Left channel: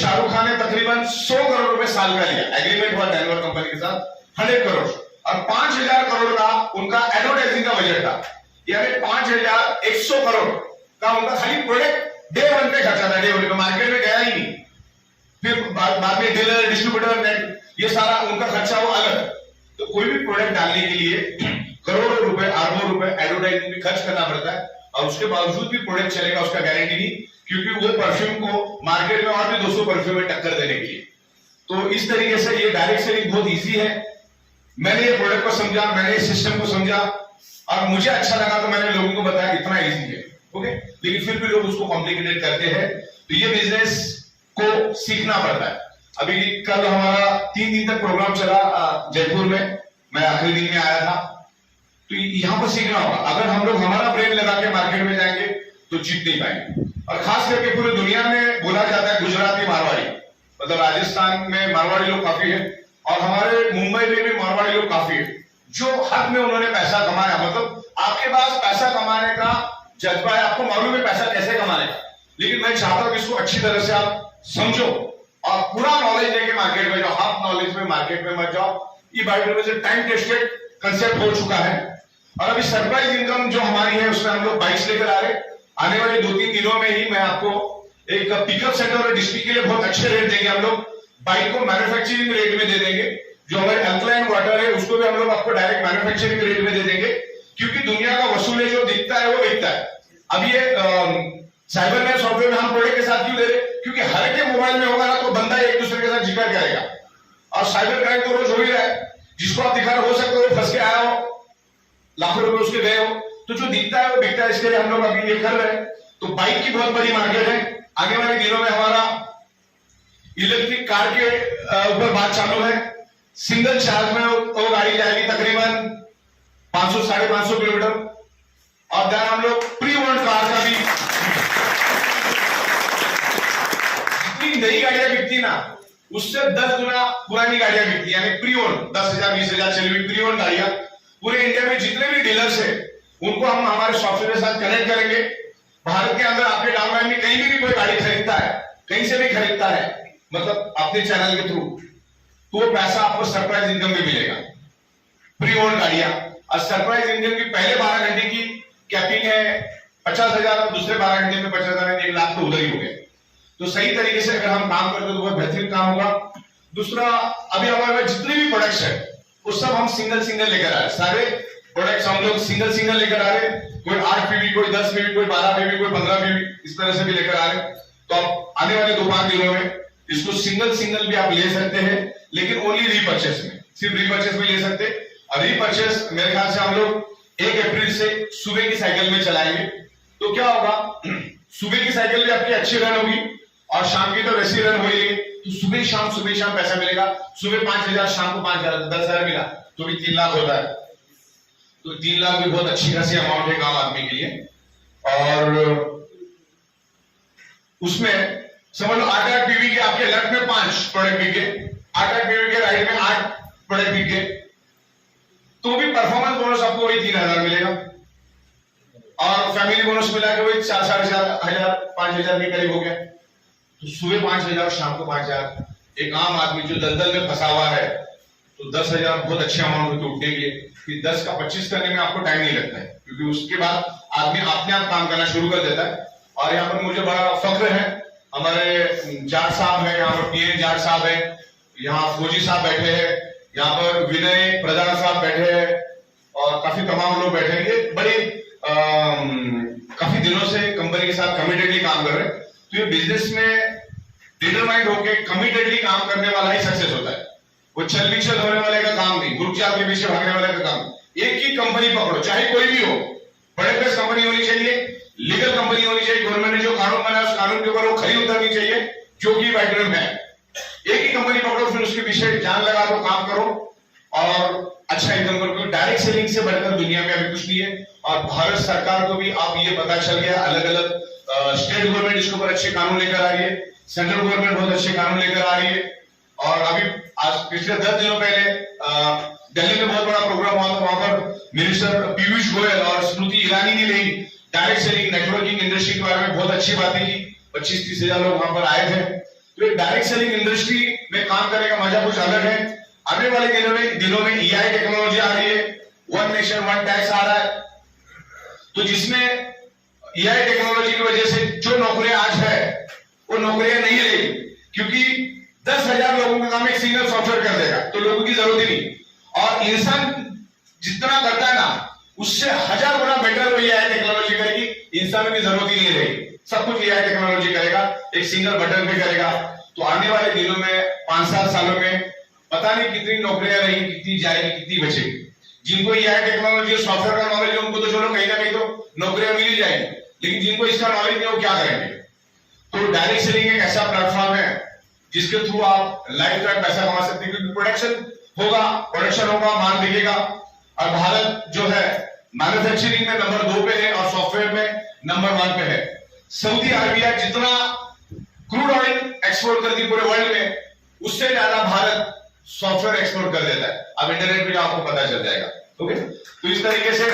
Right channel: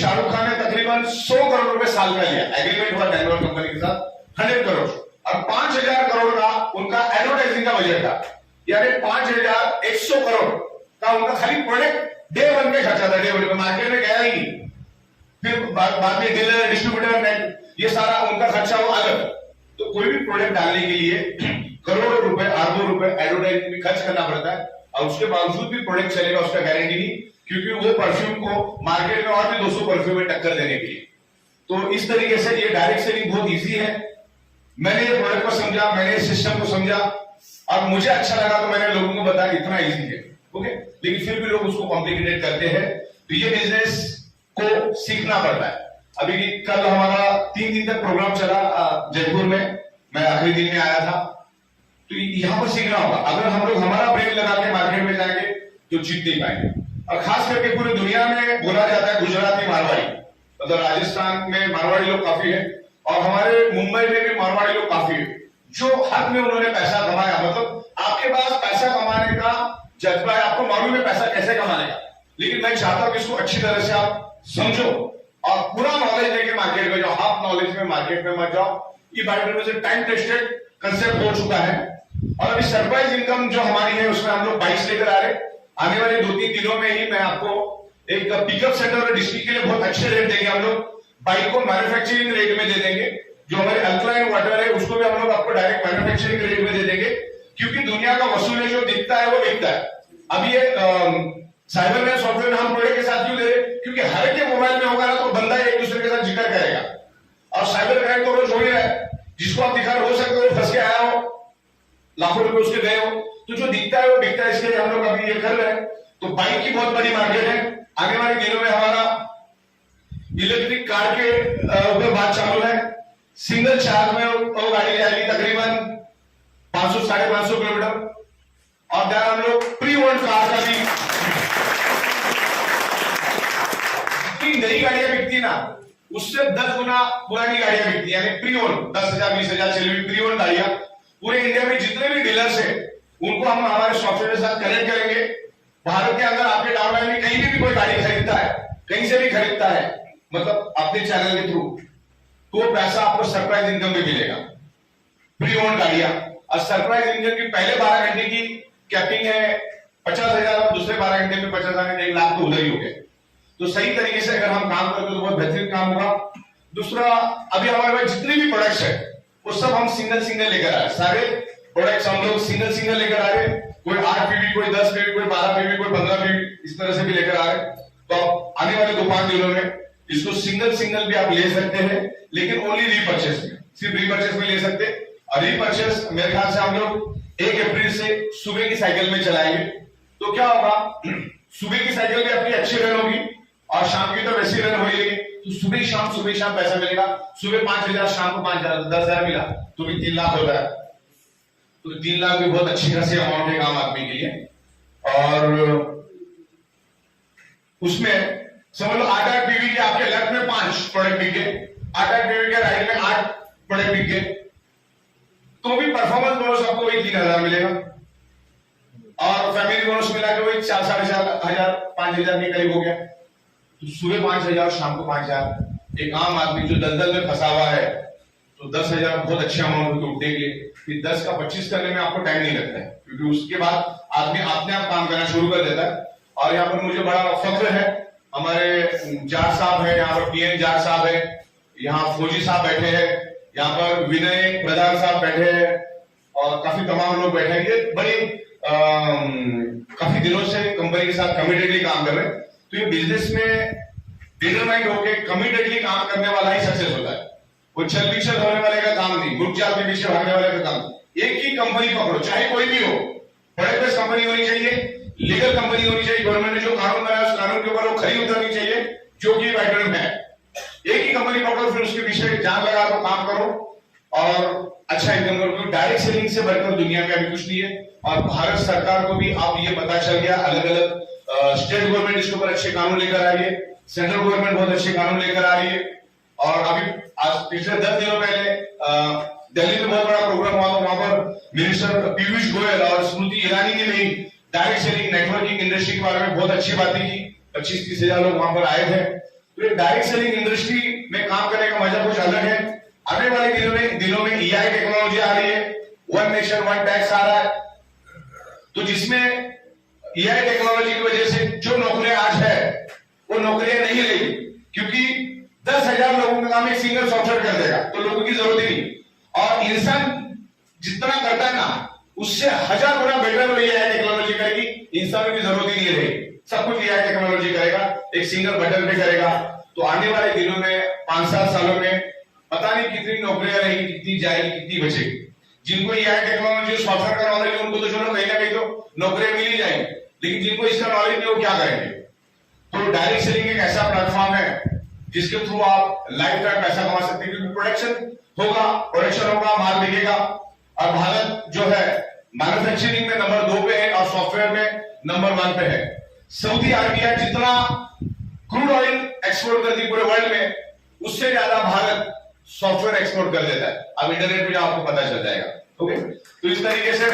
शाहरुख खान ने तकरीबन 100 करोड़ रुपए साल का लिया, एग्रीमेंट हुआ डेनवर कंपनी के साथ 100 करोड़, और 5,000 करोड़ का उनका एडवर्टाइजिंग का बजट था, यानी 5,100 करोड़ का उनका खाली प्रोडक्ट डे 1 पे खर्चा था, डे 1 पे मार्केट में गया ही नहीं, फिर बाद में डीलर डिस्ट्रीब्यूटर ये सारा उनका खर्चा वो अलग। तो कोई भी प्रोडक्ट डालने के लिए करोड़ों रुपए अरबों रुपए एडवर्टाइजिंग में खर्च करना पड़ता है, और उसके बावजूद भी प्रोडक्ट चलेगा उसका गारंटी नहीं, क्योंकि वो परफ्यूम को मार्केट में और भी 200 परफ्यूम में टक्कर देने के लिए। तो इस तरीके से ये डायरेक्ट सेलिंग बहुत इजी है। मैंने ये प्रोडक्ट को समझा, मैंने इस सिस्टम को समझा और मुझे अच्छा लगा, तो मैंने लोगों को बताया इतना इजी है, ओके। लेकिन फिर भी लोग उसको कॉम्प्लिकेटेड करते हैं, तो ये बिजनेस को सीखना पड़ता है। अभी कल हमारा 3 दिन तक प्रोग्राम चला जयपुर में, मैं आखिरी दिन में आया था, तो यहां पर सीखना होगा। अगर हम लोग हमारा ब्रेन लगा के मार्केट में जाएंगे तो जीत नहीं पाएंगे। और खास करके पूरी दुनिया में बोला जाता है गुजराती मारवाड़ी, मतलब राजस्थान में मारवाड़ी लोग काफी है, और हमारे मुंबई में भी मारवाड़ी लोग काफी है, जो हद में उन्होंने पैसा कमाया। मतलब आपके पास पैसा कमाने का जज्बा है, आपको मालूम है पैसा कैसे कमाने का, लेकिन मैं चाहता हूं कि इसको अच्छी तरह से आप समझो और पूरा नॉलेज लेके मार्केट में जाओ, हाफ नॉलेज में मार्केट में मत जाओ। ये बायोडेटा से टाइम टेस्टेड कंसेप्ट हो चुका है। और अभी सरप्राइज इनकम जो हमारी है उसमें हम लोग बाइक्स लेकर आ रहे, आने वाले 2-3 दिनों में ही मैं आपको एक पिकअप सेंटर और डिस्ट्रिक्ट के लिए बहुत अच्छे रेट देंगे। हम लोग बाइक को मैन्युफैक्चरिंग रेट में दे देंगे, जो हमारे अल्कलाइन वाटर है उसको भी हम लोग आपको डायरेक्ट मैन्युफैक्चरिंग रेट में दे देंगे, क्योंकि दुनिया का वसूल है, जो दिखता है वो बिकता है। अब ये साइबर में सॉफ्टवेयर हम प्रोडक्ट के साथ क्यों दे रहे, क्योंकि हर के मोबाइल में होगा ना तो बंदा एक दूसरे के साथ जिक्र करेगा, और साइबर क्राइम तो रोज हो ही रहा है। जिसको आप दिखा हो सकते हो फंस के आया हो, लाखों रुपए उसके गए हो, तो जो दिखता है वो बिकता है, इसके लिए हम लोग अभी ये कर रहे हैं। तो बाइक की बहुत बड़ी मार्केट है। आने वाले दिनों में हमारा इलेक्ट्रिक कार के ऊपर बात चालू है। सिंगल चार्ज में वो गाड़ी जाएगी तकरीबन 500-550 किलोमीटर, और देन हम लोग प्री ओल्ड कार का भी, जितनी नई गाड़ियां बिकती ना उससे 10 गुना पुरानी गाड़ियां बिकती, यानी प्री ओल्ड 10,000-20,000 चली हुई प्री ओल्ड गाड़ियां पूरे इंडिया में जितने भी डीलर्स है उनको हम हमारे सॉफ्टवेयर के साथ कनेक्ट करेंगे। भारत के अंदर आपके डाउनलाइन में कहीं भी कोई गाड़ी खरीदता है, कहीं से भी खरीदता है, मतलब अपने चैनल के थ्रू, तो पैसा आपको सरप्राइज इनकम भी मिलेगा, प्री ओल्ड गाड़ियां। और सरप्राइज इनकम की पहले 12 घंटे की कैपिंग है 50,000, और दूसरे 12 घंटे में 50,000, 1 लाख तो उधर ही हो गए। तो सही तरीके से अगर हम काम करते तो बहुत बेहतरीन काम होगा। दूसरा, अभी हमारे पास जितने भी प्रोडक्ट्स है वो सब हम सिंगल लेकर आ रहे, सारे प्रोडक्ट्स हम लोग सिंगल लेकर आ रहे, कोई 8 पीवी, कोई 10 पीवी, कोई 12 पीवी, कोई 15 पीवी, इस तरह से भी लेकर आ रहे। तो आने वाले 2-5 दिनों में इसको सिंगल भी आप ले सकते हैं, लेकिन ओनली रीपर्चेस में, सिर्फ रीपर्चेस में ले सकते। और रीपर्चेस मेरे ख्याल से हम लोग 1 अप्रैल से सुबह की साइकिल में चलाएंगे। तो क्या होगा, सुबह की साइकिल भी आपकी अच्छी रन होगी, और शाम की तो वैसी रन होगी, तो सुबह शाम पैसा मिलेगा। सुबह 5,000, शाम को 5,000, 10,000 मिला तो भी 3 लाख होता है। तो 3 लाख भी बहुत अच्छी खासी अमाउंट है आम आदमी के लिए। और उसमें समझ लो 8 पीवी के आपके लेफ्ट में 5 प्रोडक्ट बिके, 8 पीवी के राइट में 8 प्रोडक्ट बिके, तो भी परफॉर्मेंस बोनस आपको वही 3,000 मिलेगा, और फैमिली बोनस मिला के वही 4,500, 5,000 के करीब हो गया। तो सुबह 5,000, शाम को 5,000। एक आम आदमी जो दलदल में फंसा हुआ है, तो 10,000 बहुत अच्छे अमाउंट होते उठेंगे। फिर 10 का 25 करने में आपको टाइम नहीं लगता है, क्योंकि उसके बाद आदमी अपने आप काम करना शुरू कर देता है। और यहाँ पर मुझे बड़ा फख्र है, हमारे जाट साहब है, यहाँ पर PN जाट साहब है, यहाँ फौजी साहब बैठे हैं, यहाँ पर विनय प्रधान साहब बैठे हैं, और काफी तमाम लोग बैठे हैं। ये बड़े काफी दिनों से कंपनी के साथ कमिटेडली काम कर रहे हैं। तो ये बिजनेस में डिटरमाइंड होकर कमिटेडली काम करने वाला ही सक्सेस होता है। वो छल पीछे होने वाले का काम नहीं, ग्रुप चाल के पीछे भागने वाले का काम। एक ही कंपनी पकड़ो, चाहे कोई भी हो, बड़े बेस्ट कंपनी होनी चाहिए, लीगल कंपनी होनी चाहिए, गवर्नमेंट ने जो कानून बनाया उस कानून के ऊपर वो खरी उतरनी चाहिए, जो कि वेटरन है। एक ही कंपनी पकड़ो, फिर उसके पीछे जान लगा दो, काम करो और अच्छा इनकम करो, क्योंकि डायरेक्ट सेलिंग से बढ़कर दुनिया में अभी कुछ नहीं है। और भारत सरकार को भी अब ये पता चल गया, अलग अलग स्टेट गवर्नमेंट इसके ऊपर अच्छे कानून लेकर आ रही है, सेंट्रल गवर्नमेंट बहुत अच्छे कानून लेकर आ रही है। और अभी आज पिछले 10 दिनों पहले दिल्ली में बहुत बड़ा प्रोग्राम हुआ था, वहां पर मिनिस्टर पीयूष गोयल और स्मृति ईरानी ने भी डायरेक्ट सेलिंग नेटवर्किंग इंडस्ट्री के बारे में बहुत अच्छी बातें की। 25-30 हजार लोग वहां पर आए थे। तो ये डायरेक्ट सेलिंग इंडस्ट्री में काम करने का मजा कुछ अलग है। आने वाले दिनों में EI टेक्नोलॉजी आ रही है, वन नेशन वन टैक्स आ रहा है, तो जिसमें EI टेक्नोलॉजी की वजह से जो नौकरियां आज है वो नौकरियां नहीं रही, क्योंकि 10,000 लोगों का काम एक सिंगल सॉफ्टवेयर कर देगा, तो लोगों की जरूरत ही नहीं। और इंसान जितना करता है ना उससे 1000 गुना बेटर वो EI टेक्नोलॉजी करेगी, इंसानों की जरूरत ही नहीं रहेगी, सब कुछ EI टेक्नोलॉजी करेगा, एक सिंगल बटन पे करेगा। तो आने वाले दिनों में 5-7 सालों में पता नहीं कितनी नौकरियां रहेंगी, कितनी जाएगी, कितनी बचेगी। जिनको EI टेक्नोलॉजी और सॉफ्टवेयर का नॉलेज है उनको तो चलो कहीं ना कहीं तो नौकरियां मिल ही जाएंगी, लेकिन जिनको इसका नॉलेज नहीं वो क्या करेंगे। तो डायरेक्ट सेलिंग एक ऐसा प्लेटफॉर्म है जिसके थ्रू आप लाइफ टाइम पैसा कमा सकते हैं, क्योंकि प्रोडक्शन होगा, माल बिकेगा। और भारत जो है मैन्युफैक्चरिंग में नंबर 2 पे है और सॉफ्टवेयर में नंबर 1 पे है। सऊदी अरबिया जितना क्रूड ऑयल एक्सपोर्ट करती है पूरे वर्ल्ड में, उससे ज्यादा भारत सॉफ्टवेयर एक्सपोर्ट कर देता है। अब इंटरनेट पे आपको पता चल जाएगा। ओके, तो इस तरीके से